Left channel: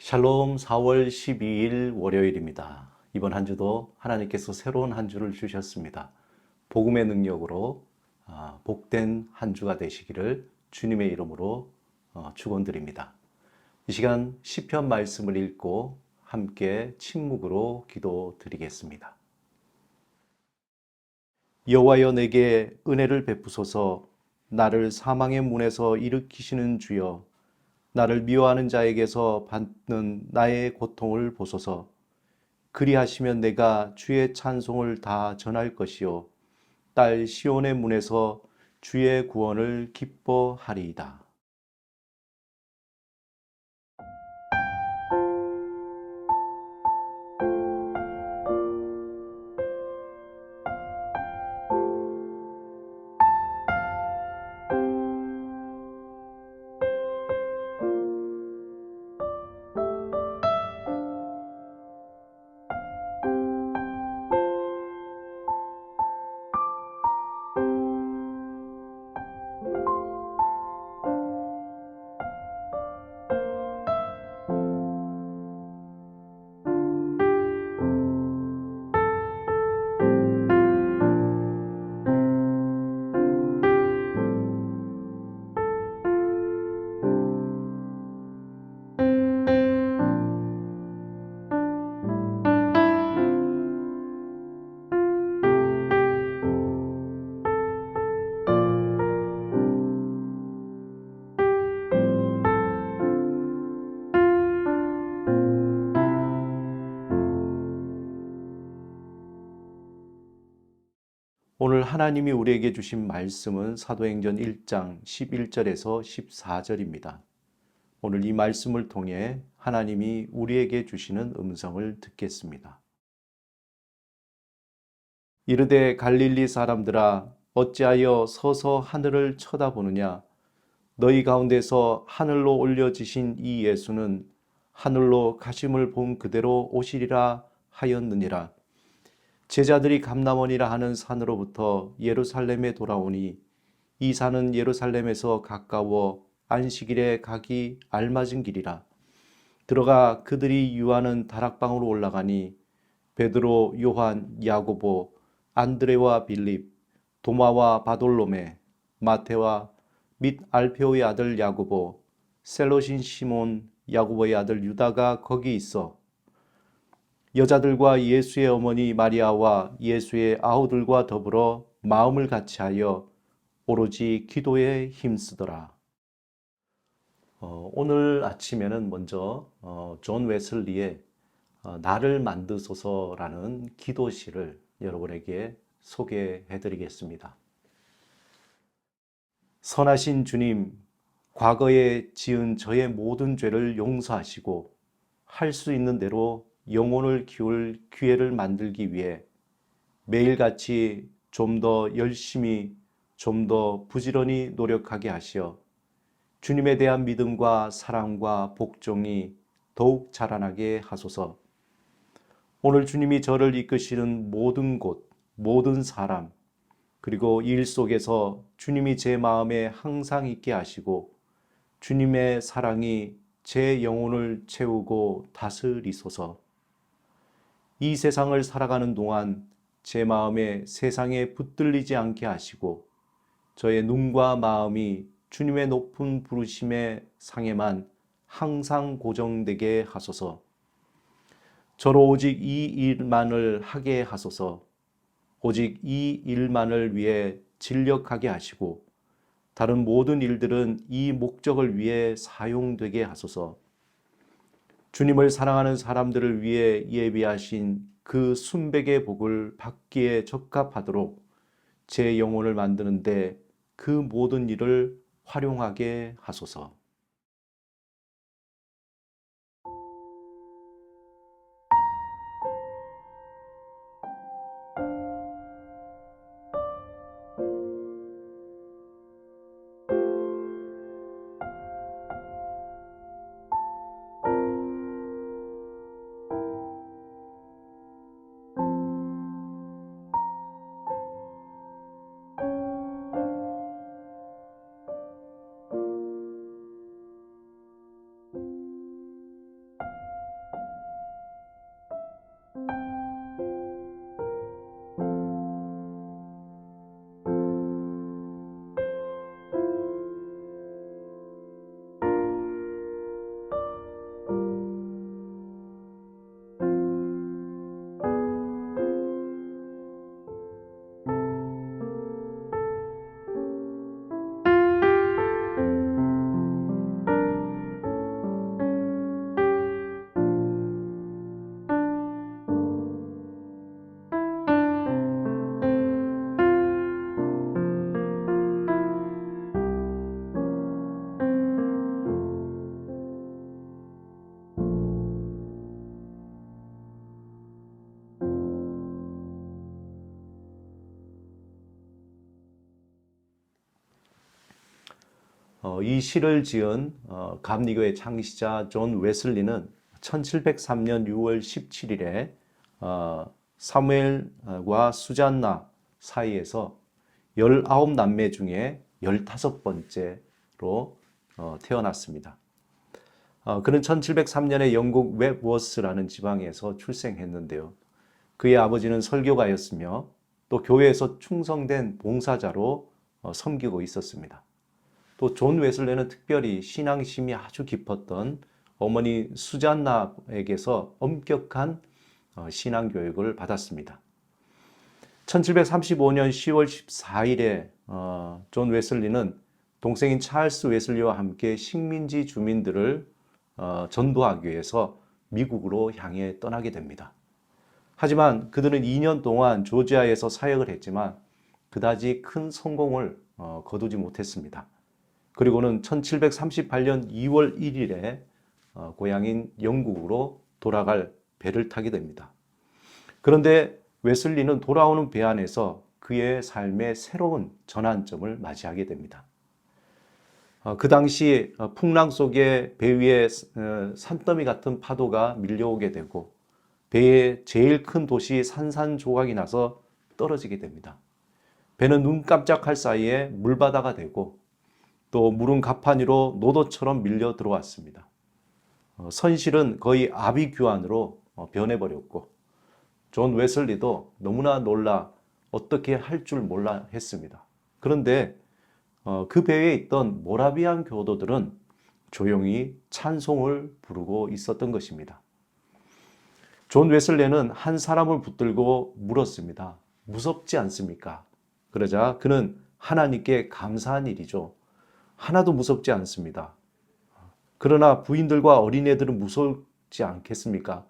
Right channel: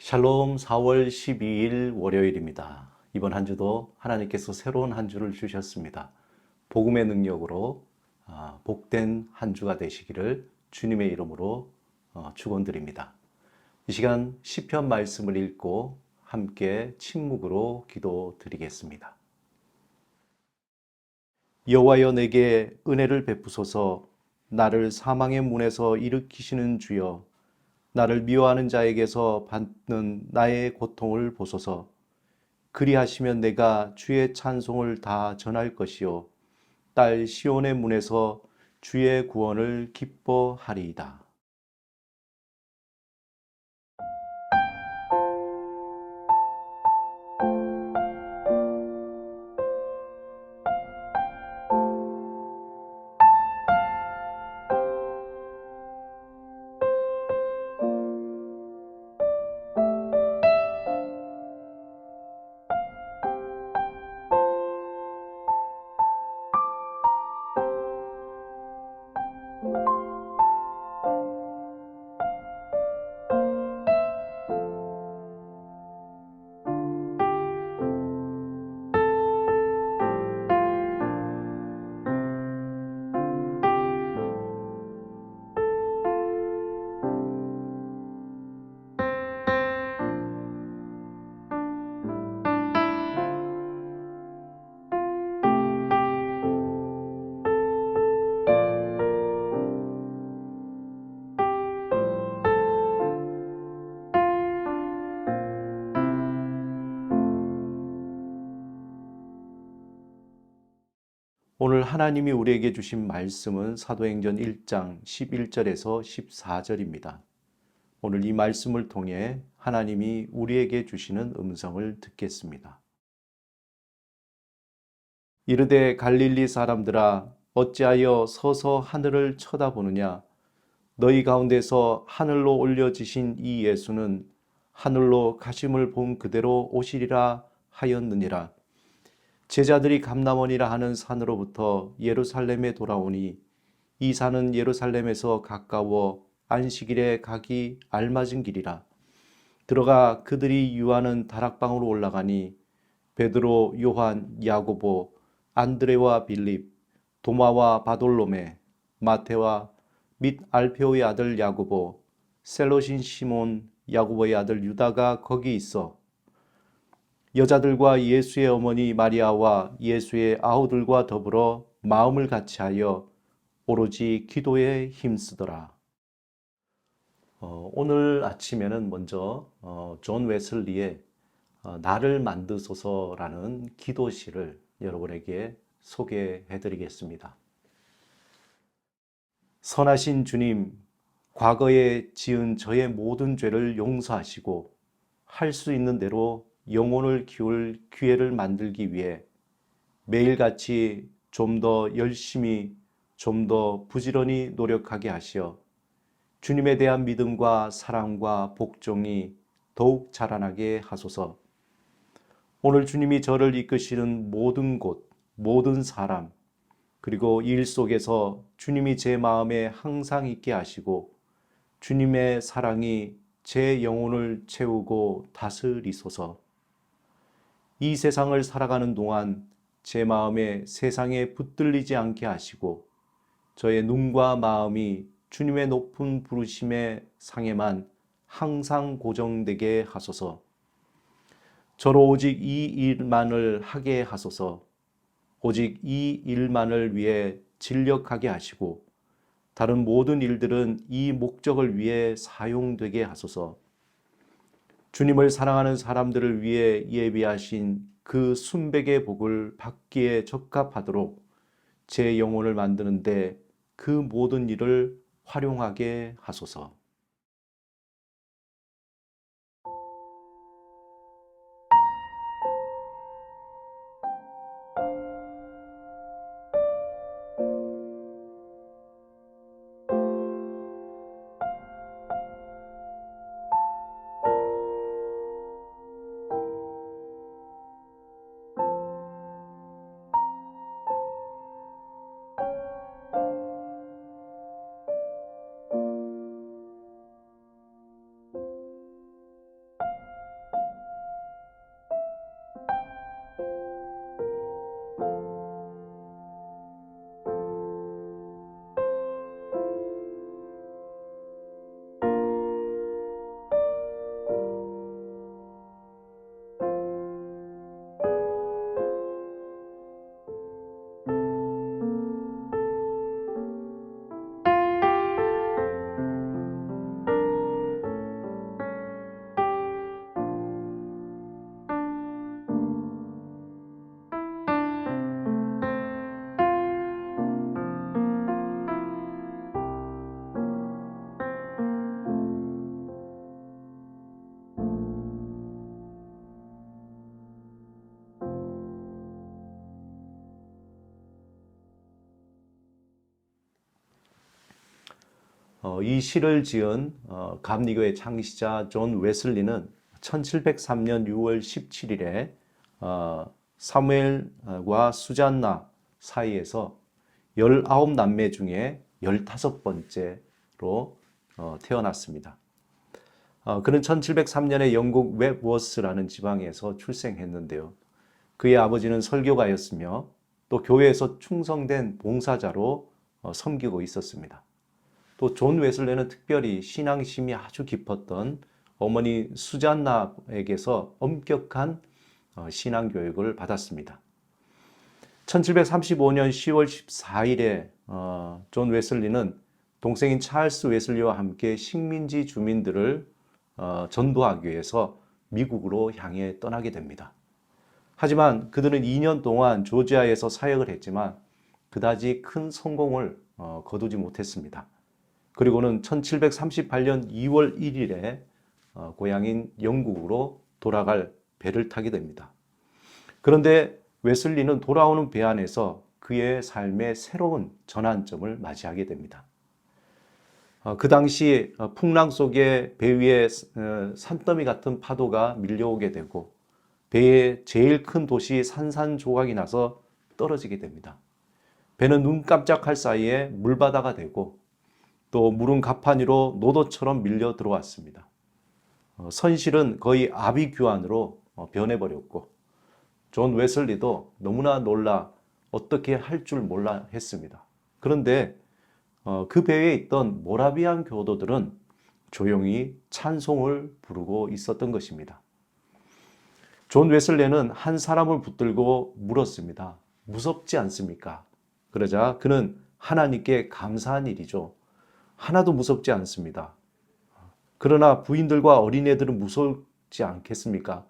샬롬 4월 12일 월요일입니다. 이번 한 주도 하나님께서 새로운 한 주를 주셨습니다. 복음의 능력으로 복된 한 주가 되시기를 주님의 이름으로 축원드립니다. 이 시간 시편 말씀을 읽고 함께 침묵으로 기도드리겠습니다. 여호와여 내게 은혜를 베푸소서. 나를 사망의 문에서 일으키시는 주여, 나를 미워하는 자에게서 받는 나의 고통을 보소서. 그리하시면 내가 주의 찬송을 다 전할 것이요 딸 시온의 문에서 주의 구원을 기뻐하리이다. 오늘 하나님이 우리에게 주신 말씀은 사도행전 1장 11절에서 14절입니다. 오늘 이 말씀을 통해 하나님이 우리에게 주시는 음성을 듣겠습니다. 이르되 갈릴리 사람들아, 어찌하여 서서 하늘을 쳐다보느냐? 너희 가운데서 하늘로 올려지신 이 예수는 하늘로 가심을 본 그대로 오시리라 하였느니라. 제자들이 감람원이라 하는 산으로부터 예루살렘에 돌아오니 이 산은 예루살렘에서 가까워 안식일에 가기 알맞은 길이라. 들어가 그들이 유하는 다락방으로 올라가니 베드로, 요한, 야고보, 안드레와 빌립, 도마와 바돌로메, 마테와 및 알페오의 아들 야고보, 셀롯인 시몬, 야고보의 아들 유다가 거기 있어 여자들과 예수의 어머니 마리아와 예수의 아우들과 더불어 마음을 같이하여 오로지 기도에 힘쓰더라. 오늘 아침에는 먼저 존 웨슬리의 나를 만드소서라는 기도시를 여러분에게 소개해 드리겠습니다. 선하신 주님, 과거에 지은 저의 모든 죄를 용서하시고 할 수 있는 대로 영혼을 키울 기회를 만들기 위해 매일같이 좀 더 열심히, 좀 더 부지런히 노력하게 하시어 주님에 대한 믿음과 사랑과 복종이 더욱 자라나게 하소서. 오늘 주님이 저를 이끄시는 모든 곳, 모든 사람, 그리고 일 속에서 주님이 제 마음에 항상 있게 하시고 주님의 사랑이 제 영혼을 채우고 다스리소서. 이 세상을 살아가는 동안 제 마음에 세상에 붙들리지 않게 하시고 저의 눈과 마음이 주님의 높은 부르심의 상에만 항상 고정되게 하소서. 저로 오직 이 일만을 하게 하소서. 오직 이 일만을 위해 진력하게 하시고 다른 모든 일들은 이 목적을 위해 사용되게 하소서. 주님을 사랑하는 사람들을 위해 예비하신 그 순백의 복을 받기에 적합하도록 제 영혼을 만드는데 그 모든 일을 활용하게 하소서. 이 시를 지은 감리교의 창시자 존 웨슬리는 1703년 6월 17일에 사무엘과 수잔나 사이에서 19남매 중에 15번째로 태어났습니다. 그는 1703년에 영국 웹워스라는 지방에서 출생했는데요. 그의 아버지는 설교가였으며 또 교회에서 충성된 봉사자로 섬기고 있었습니다. 또 존 웨슬레는 특별히 신앙심이 아주 깊었던 어머니 수잔나에게서 엄격한 신앙 교육을 받았습니다. 1735년 10월 14일에 존 웨슬리는 동생인 찰스 웨슬리와 함께 식민지 주민들을 전도하기 위해서 미국으로 향해 떠나게 됩니다. 하지만 그들은 2년 동안 조지아에서 사역을 했지만 그다지 큰 성공을 거두지 못했습니다. 그리고는 1738년 2월 1일에 고향인 영국으로 돌아갈 배를 타게 됩니다. 그런데 웨슬리는 돌아오는 배 안에서 그의 삶의 새로운 전환점을 맞이하게 됩니다. 그 당시 풍랑 속에 배 위에 산더미 같은 파도가 밀려오게 되고 배의 제일 큰 도시 산산조각이 나서 떨어지게 됩니다. 배는 눈 깜짝할 사이에 물바다가 되고 또 물은 가판 위로 노도처럼 밀려 들어왔습니다. 선실은 거의 아비규환으로 변해버렸고 존 웨슬리도 너무나 놀라 어떻게 할 줄 몰라 했습니다. 그런데 그 배에 있던 모라비안 교도들은 조용히 찬송을 부르고 있었던 것입니다. 존 웨슬레는 한 사람을 붙들고 물었습니다. 무섭지 않습니까? 그러자 그는 하나님께 감사한 일이죠. 하나도 무섭지 않습니다. 그러나 부인들과 어린애들은 무섭지 않겠습니까?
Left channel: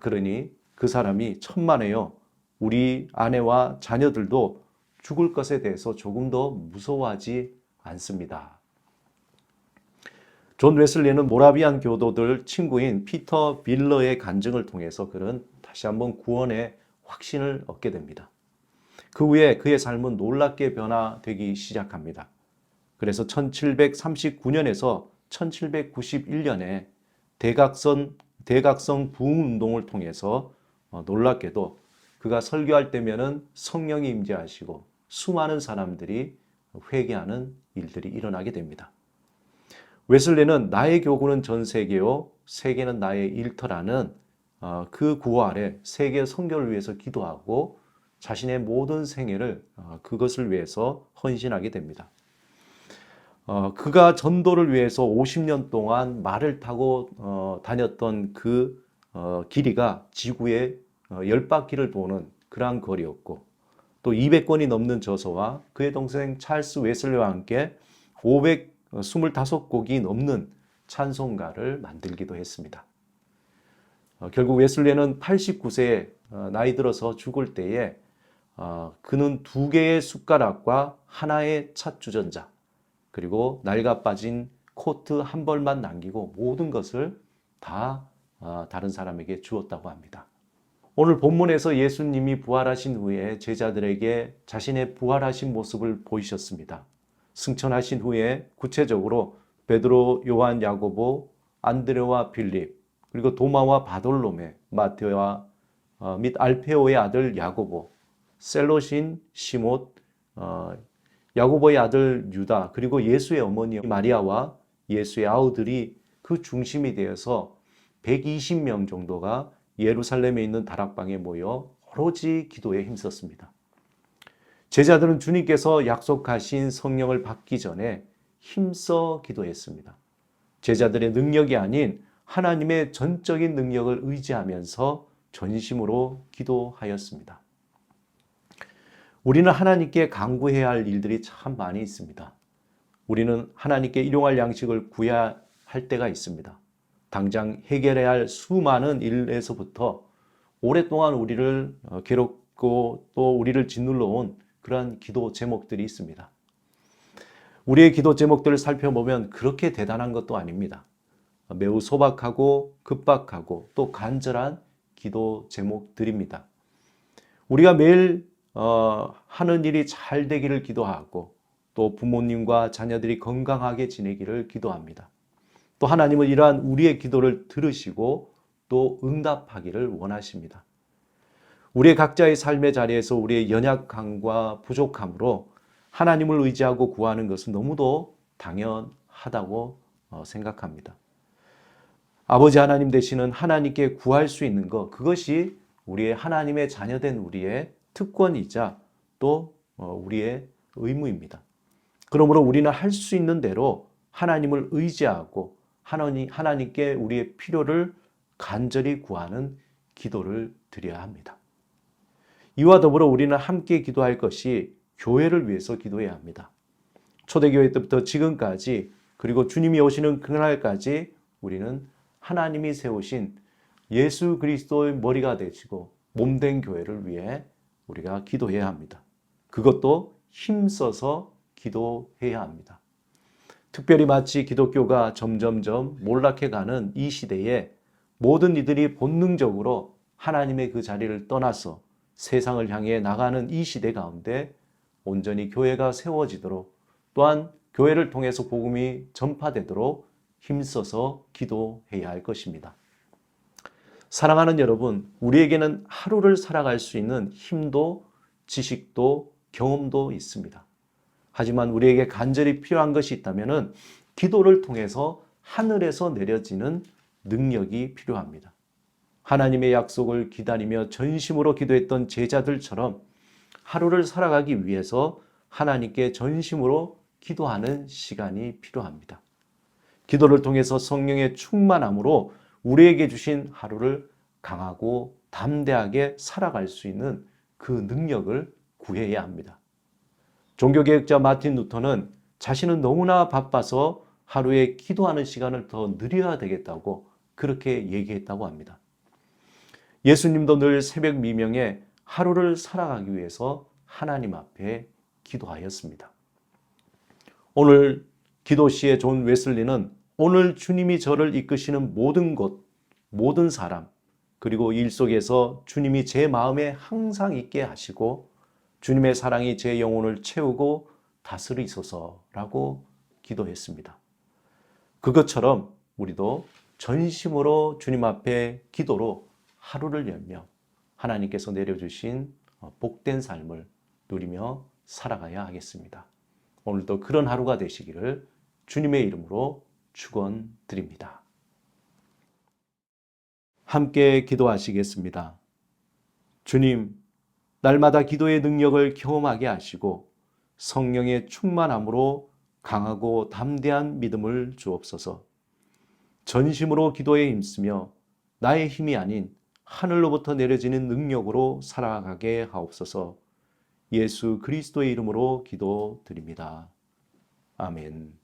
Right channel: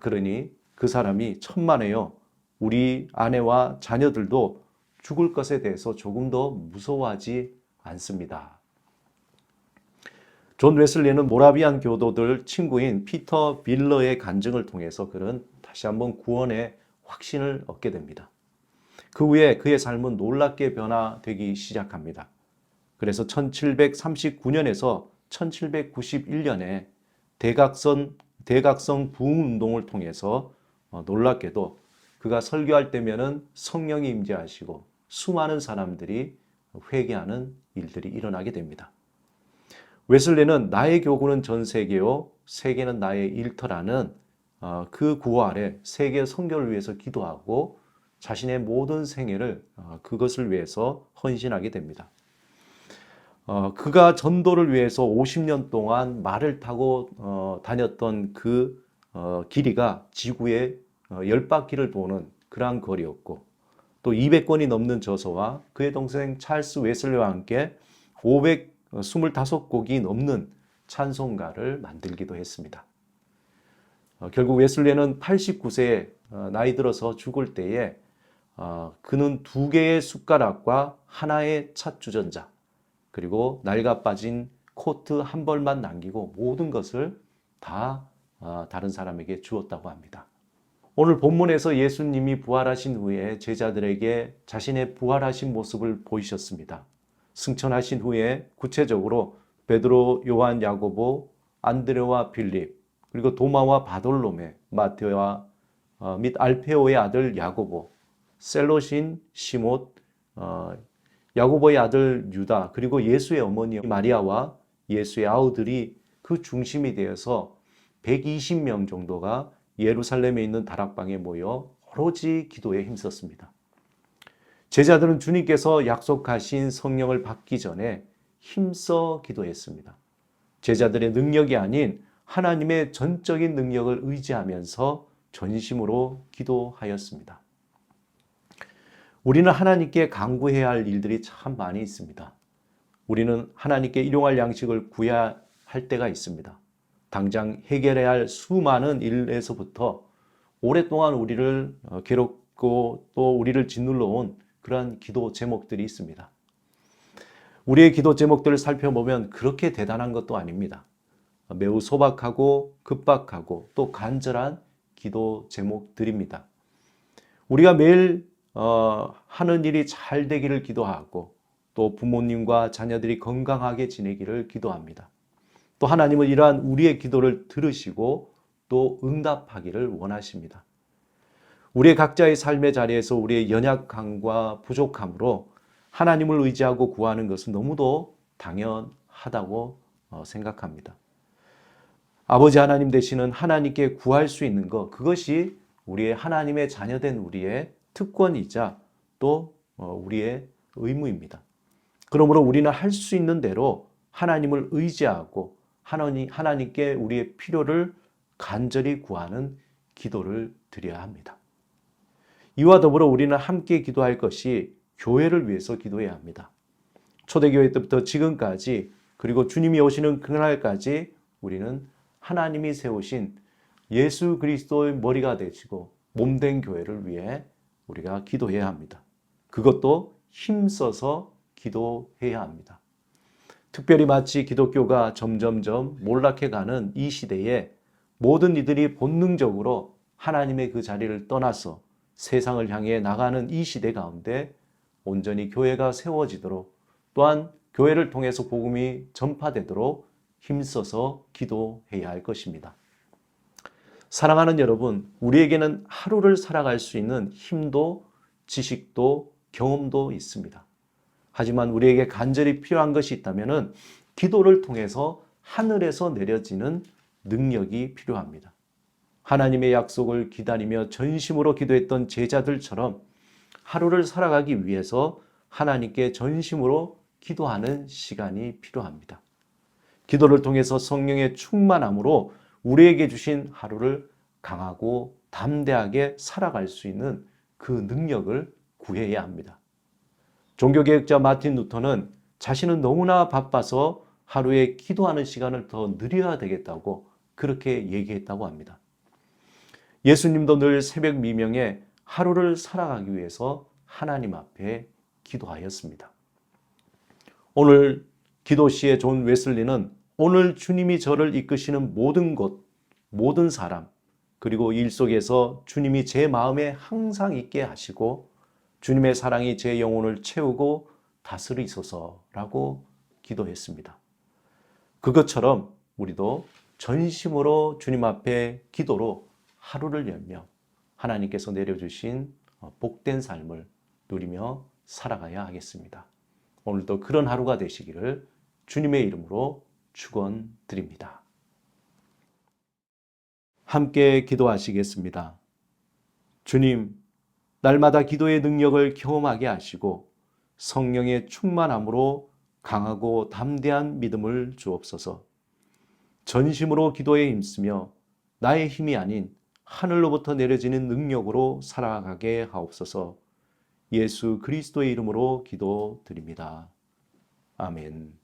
그러니 그 사람이 천만에요. 우리 아내와 자녀들도 죽을 것에 대해서 조금 더 무서워하지 않습니다. 존 웨슬리는 모라비안 교도들 친구인 피터 빌러의 간증을 통해서 그는 다시 한번 구원의 확신을 얻게 됩니다. 그 후에 그의 삶은 놀랍게 변화되기 시작합니다. 그래서 1739년에서 1791년에 대각성 부흥운동을 통해서 놀랍게도 그가 설교할 때면은 성령이 임재하시고 수많은 사람들이 회개하는 일들이 일어나게 됩니다. 웨슬리는 나의 교구는 전 세계요 세계는 나의 일터라는 그 구호 아래 세계 선교를 위해서 기도하고 자신의 모든 생애를 그것을 위해서 헌신하게 됩니다. 그가 전도를 위해서 50년 동안 말을 타고 다녔던 그 길이가 지구의 10바퀴를 도는 그러한 거리였고 또 200권이 넘는 저서와 그의 동생 찰스 웨슬리와 함께 525곡이 넘는 찬송가를 만들기도 했습니다. 결국 웨슬리는 89세에 나이 들어서 죽을 때에 그는 2개의 숟가락과 하나의 찻주전자 그리고 낡아 빠진 코트 한 벌만 남기고 모든 것을 다 다른 사람에게 주었다고 합니다. 오늘 본문에서 예수님이 부활하신 후에 제자들에게 자신의 부활하신 모습을 보이셨습니다. 승천하신 후에 구체적으로 베드로, 요한, 야고보, 안드레와 빌립, 그리고 도마와 바돌로메, 마테오와 및 알페오의 아들 야고보, 셀롯인 시못, 야고보의 아들 유다, 그리고 예수의 어머니 마리아와 예수의 아우들이 그 중심이 되어서 120명 정도가 예루살렘에 있는 다락방에 모여 오로지 기도에 힘썼습니다. 제자들은 주님께서 약속하신 성령을 받기 전에 힘써 기도했습니다. 제자들의 능력이 아닌 하나님의 전적인 능력을 의지하면서 전심으로 기도하였습니다. 우리는 하나님께 간구해야 할 일들이 참 많이 있습니다. 우리는 하나님께 일용할 양식을 구해야 할 때가 있습니다. 당장 해결해야 할 수많은 일에서부터 오랫동안 우리를 괴롭고 또 우리를 짓눌러 온 그러한 기도 제목들이 있습니다. 우리의 기도 제목들을 살펴보면 그렇게 대단한 것도 아닙니다. 매우 소박하고 급박하고 또 간절한 기도 제목들입니다. 우리가 매일 하는 일이 잘 되기를 기도하고 또 부모님과 자녀들이 건강하게 지내기를 기도합니다. 또 하나님은 이러한 우리의 기도를 들으시고 또 응답하기를 원하십니다. 우리의 각자의 삶의 자리에서 우리의 연약함과 부족함으로 하나님을 의지하고 구하는 것은 너무도 당연하다고 생각합니다. 아버지 하나님 되시는 하나님께 구할 수 있는 것, 그것이 우리의 하나님의 자녀된 우리의 특권이자 또 우리의 의무입니다. 그러므로 우리는 할 수 있는 대로 하나님을 의지하고 하나님께 우리의 필요를 간절히 구하는 기도를 드려야 합니다. 이와 더불어 우리는 함께 기도할 것이 교회를 위해서 기도해야 합니다. 초대교회 때부터 지금까지 그리고 주님이 오시는 그날까지 우리는 하나님이 세우신 예수 그리스도의 머리가 되시고 몸된 교회를 위해 우리가 기도해야 합니다. 그것도 힘써서 기도해야 합니다. 특별히 마치 기독교가 점점점 몰락해가는 이 시대에 모든 이들이 본능적으로 하나님의 그 자리를 떠나서 세상을 향해 나가는 이 시대 가운데 온전히 교회가 세워지도록 또한 교회를 통해서 복음이 전파되도록 힘써서 기도해야 할 것입니다. 사랑하는 여러분, 우리에게는 하루를 살아갈 수 있는 힘도 지식도 경험도 있습니다. 하지만 우리에게 간절히 필요한 것이 있다면 기도를 통해서 하늘에서 내려지는 능력이 필요합니다. 하나님의 약속을 기다리며 전심으로 기도했던 제자들처럼 하루를 살아가기 위해서 하나님께 전심으로 기도하는 시간이 필요합니다. 기도를 통해서 성령의 충만함으로 우리에게 주신 하루를 강하고 담대하게 살아갈 수 있는 그 능력을 구해야 합니다. 종교개혁자 마틴 루터는 자신은 너무나 바빠서 하루에 기도하는 시간을 더 늘려야 되겠다고 그렇게 얘기했다고 합니다. 예수님도 늘 새벽 미명에 하루를 살아가기 위해서 하나님 앞에 기도하였습니다. 오늘 기도시의 존 웨슬리는 오늘 주님이 저를 이끄시는 모든 곳, 모든 사람, 그리고 일 속에서 주님이 제 마음에 항상 있게 하시고 주님의 사랑이 제 영혼을 채우고 다스리소서라고 기도했습니다. 그것처럼 우리도 전심으로 주님 앞에 기도로 하루를 열며 하나님께서 내려주신 복된 삶을 누리며 살아가야 하겠습니다. 오늘도 그런 하루가 되시기를 주님의 이름으로 축원드립니다. 함께 기도하시겠습니다. 주님, 날마다 기도의 능력을 경험하게 하시고 성령의 충만함으로 강하고 담대한 믿음을 주옵소서. 전심으로 기도에 힘쓰며 나의 힘이 아닌 하늘로부터 내려지는 능력으로 살아가게 하옵소서. 예수 그리스도의 이름으로 기도드립니다. 아멘.